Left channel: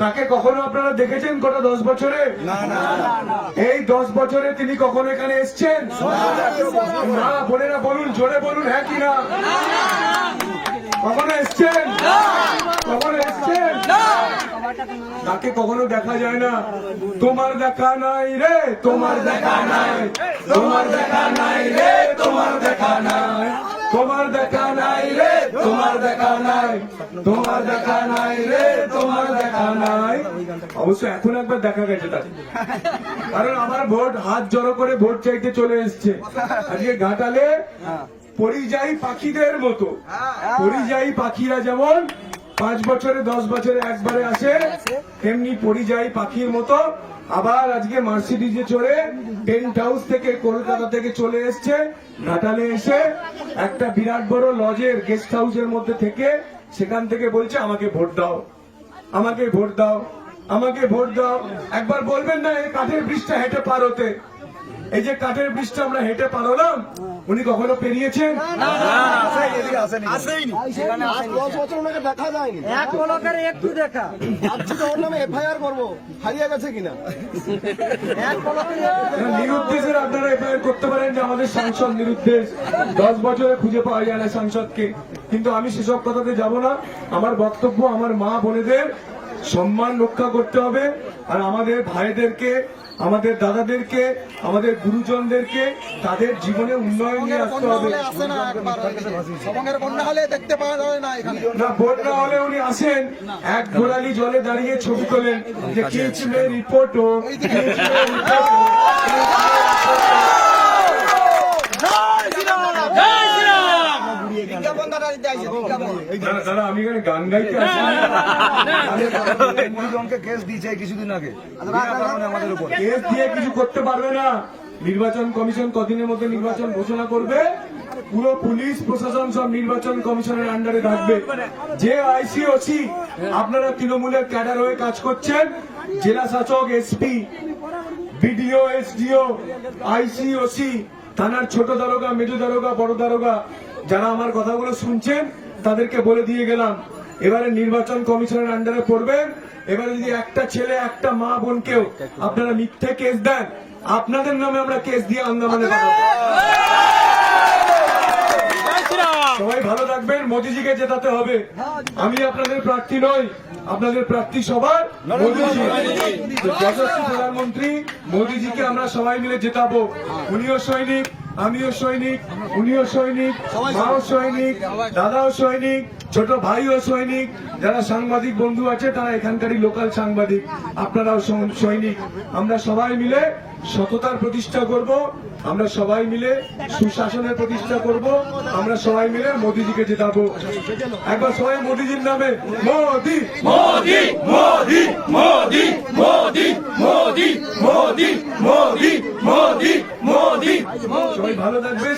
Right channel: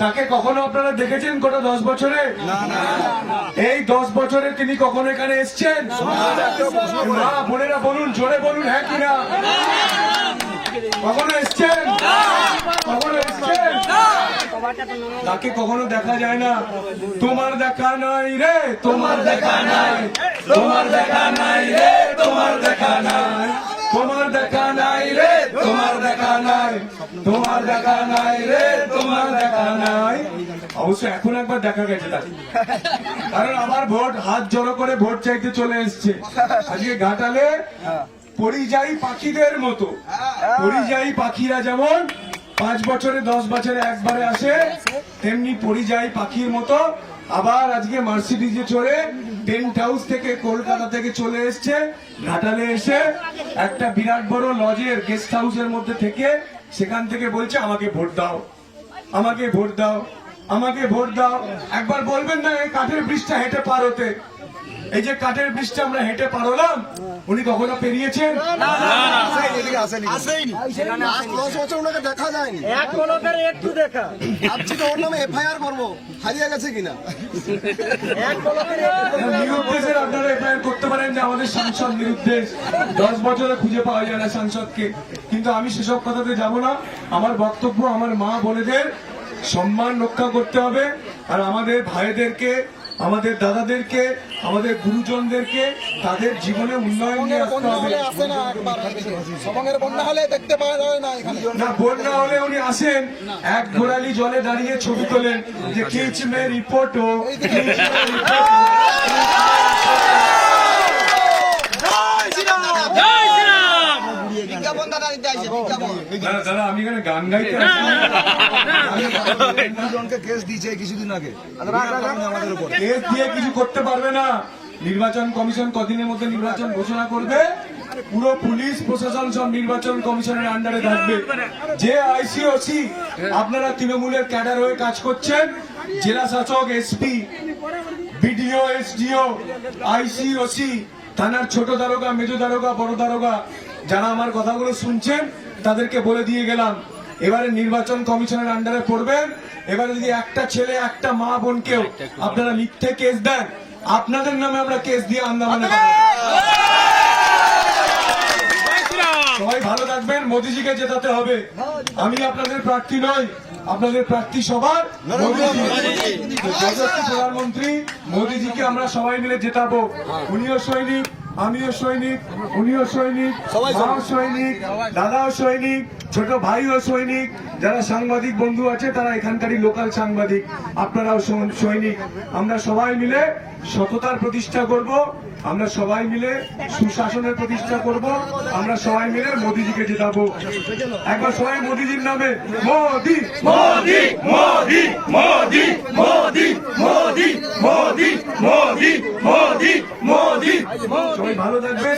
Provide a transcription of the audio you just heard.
তাকে কখনো আপনারা দেখেছেন গোটা দশ বছরে এই দশ বছরে তিনি কখনো এখানে এসছেন না বোনেরা বলুন জোরে বলুন হ্যাঁ কি না কখনো এসছেন কখনো এসছেন তাকে কখনো দেখা যায় না তোমার দেখা নাই রে তোমার দেখা নাই তোমার দেখা নাই রে তোমার দেখা নাই দেখা নাই। তোমার দেখা নাই রে, তোমার দেখা নাই। অবশ্য এখন একবার দেখা গেছে তাকে। কারণ আমার ভোট হাত জড়ো করে ভোট চাইতে চলে এসছে। আজকে ঘাটালে পরিযায়ী পাখিদের মতো। পরিযায়ী পাখিরা যেমন পাঁচ বছরে, দশ বছরে একবারে আসে, তেমনি পরিযায়ী পাখির মতো আবার আজকে মার্সিডিজে চড়ে টেন্ট হাউস থেকে কলকাতা থেকে চলে এসছে। ঘাটালে এসে একটা বিরাট বড় লজের গেস্ট হাউসের মধ্যে থেকে সেখান থেকে বলছে, আমাকে ভোট দাও। আমাকে ভোট দাও। আমাকে ভোট দাও। একবার বলবেন না, এই কাঠের ব্রিজটা হেঁটে পার হতে। এই যে কাঠের ব্রিজটা আমরা হেঁটে পার হলাম উনি কখনো পেরিয়েছেন? আসেনি। দশ বছর ওনাকে দেখা যায়নি। এক লোকের একটু দেখা। ভাবছি তো ওর নামে এফআইআর করব। হারিয়ে গেছে কিনা? নিরুদ্দেশের আপনারা এফআইআর করতে পারেন যে আমাদের সাংসদ নিরুদ্দেশ। দশ বছরে খুঁজে পাওয়া যায় না সাংসদকে। কিন্তু আমি সেসব কথাতে যাব না। আমার বক্তব্য আমার মা বোনেদের সম্মান রক্ষা করতে হবে। আর আমাদের ভাইদেরকে আমাদের দাদাদেরকে আমাদের গুরুজনদেরকে তাদের জীবনে উন্নয়ন না বন্যা হলে উনি আসেন এক ঘোড়ালি জলে দাঁড়িয়ে ছবি তোলেন যে কিচ রিপোর্ট রিপোর্টও রিপোর্ট দাদা দিতে আসছে বিজ্ঞাপন দাদা দাদা আমি এখানে গান গাইতে দুজনকে কেস দিয়েছে কিছুদিন আগে। আমাদের উপর। কেস দিয়ে কিছু করতে পারবে না। নির্বাচন কমিশন কদিনের মধ্যে নির্বাচন ঘোষণা করবে। পুরো পুলিশ প্রশাসন সব নির্বাচন কমিশনের আন্ডারে থাকবে। যে আইসিওসি আপনারা তৃণমূলের ক্যাডার হয়ে কাজ করছেন। জেলা শাসক এসপি বিডিও এসডিও আইসিওসি থানার ছোট দারোগা, মৃদু দারোগা, বড় দারোগা যারা আমার কথাগুলো শুনছেন, তাদেরকে বলে দিয়ে গেলাম, এবারে নির্বাচন কমিশনের আন্ডারে পড়বেন, এবারে যদি একটা ছেলে, একটা মা বোনকেও আপনারা মিথ্যে কেস দেন, আপনাদের নামে আমরা কেস দিয়ে আন্দামানে পাঠাবো। সবাই ভালো থাকবেন মোদিজিকে জেতাতে হবে। আমি আপনাদের প্রার্থী নই আপনাদের প্রার্থী সবার মোদিজি। প্রধানমন্ত্রী মোদিজিকে আমরা সবাই মিলে জেতাবো। উনিও সৈনিক আমিও সৈনিক উনিও সৈনিক মাও সৈনিক দাদাও সৈনিক ছোট ভাইও সৈনিক যারা সাংবাদিক বন্ধু আছে তারা এখানকারই লোকাল সাংবাদিক আপনারাও সৈনিক। আমরা সবাই মিলে সততার প্রতিষ্ঠা করব আমরা সবাই মিলে সুশাসনের প্রতিষ্ঠা করব আমরা সবাই মিলে মোদিজিকে জেতাবো। একবার সবাই মোদিজির নামে মোদি মোদি মোদি মোদি মোদি মোদি মোদি মোদি ভালো থাকবেন।